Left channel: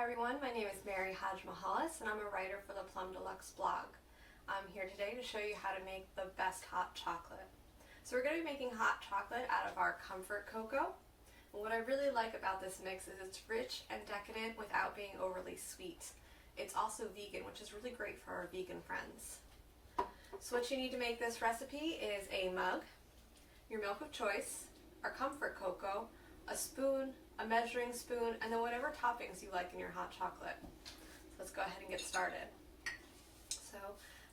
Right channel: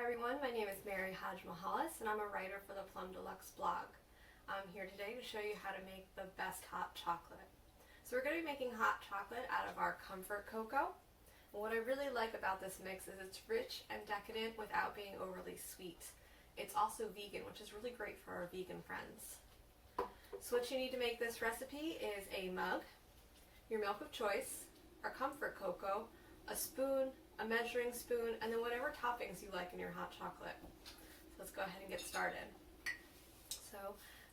Hi everyone, my name is Mary Hajmahalis and I'm a writer for the Plum Deluxe blog. I'm here today to show you how to make the best hot chocolate. So we're going to be making hot chocolate out of our comfort cocoa. And what I really like about this mix is it's rich and decadent without being overly sweet. It's also vegan, which is really great for our vegan friends. So what you need to make this recipe is a mug, your milk of choice, our comfort cocoa, a spoon, a measuring spoon, and then whatever toppings you like in your hot chocolate. So let's go ahead and get started. So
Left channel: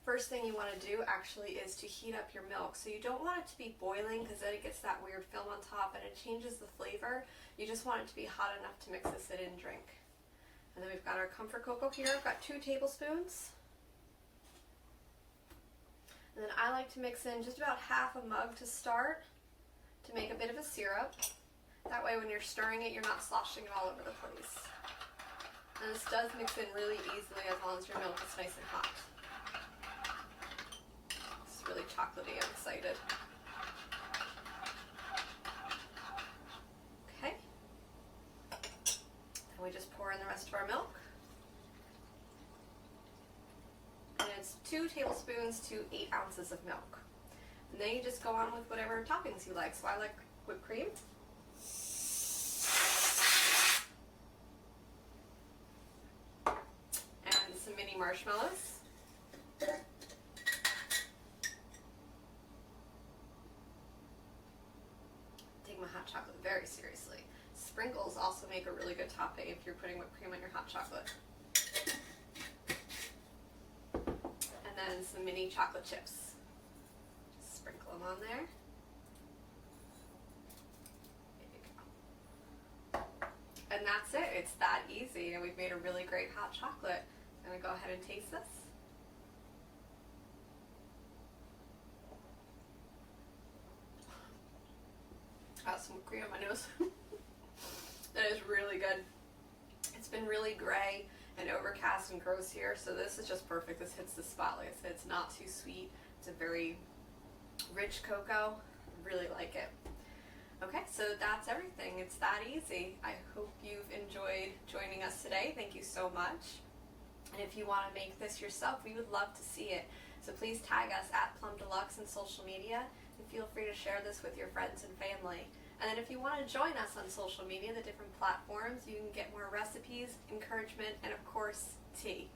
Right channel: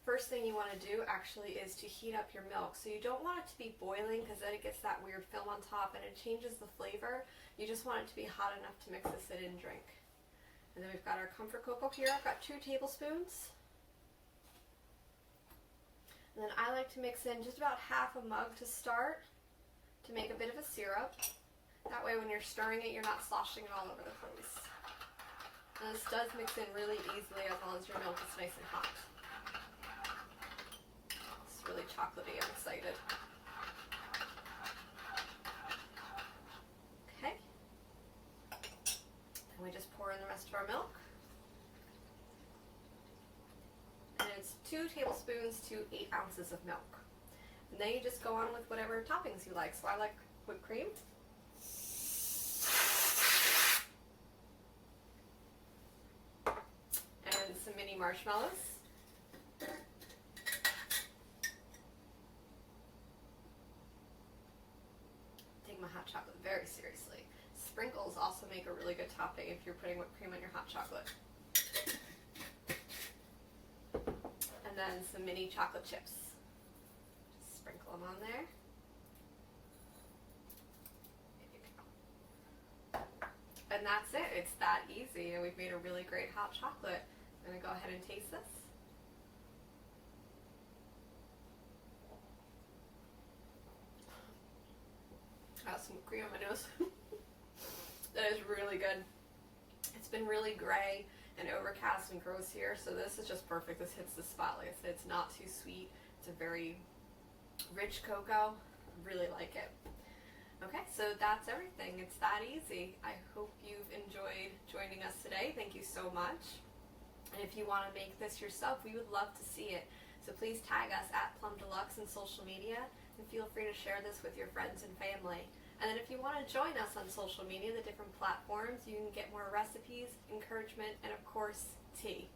first thing you want to do actually is to heat up your milk. So you don't want it to be boiling because then it gets that weird film on top and it changes the flavor. You just want it to be hot enough to mix this in and drink. And then we've got our comfort cocoa here. I've got 2 tablespoons. And then I like to mix in just about half a mug to start to make a bit of a syrup. That way when you're stirring it, you're not sloshing it all over the place. And this does mix in really easily as long as your milk is nice and hot. It's really chocolatey, I'm excited. Okay. And we just pour in the rest of our milk. And it's 2 tablespoons to 8 ounces of milk. And then you just go on with whatever toppings you like. So I like whipped cream. Some mini marshmallows. Take my hot chocolate very seriously. Sprinkles also make a really good topping if you're putting whipped cream on your hot chocolate. And then some mini chocolate chips. Just sprinkle them on there. There you go. And that's it. It's that easy, and we've made a really great hot chocolate. I'm going to go ahead and taste this. I have some whipped cream on my nose. That is really good. It's been really gray and overcast and gross here, so this is just perfect. This hits the spot. Like I said, it's not too sweet. It's a very rich cocoa. Really like it. Okay, so that's everything. It's that easy. I hope you've enjoyed joining us today. Thank you so much. And if you want to make this yourself, we would love to see it. So please tag us at Plum Deluxe in social media and feel free to share this with your friends and family. And then if you want to join us on social media, the different platforms, you can get more recipes, encouragement, and of course, tea.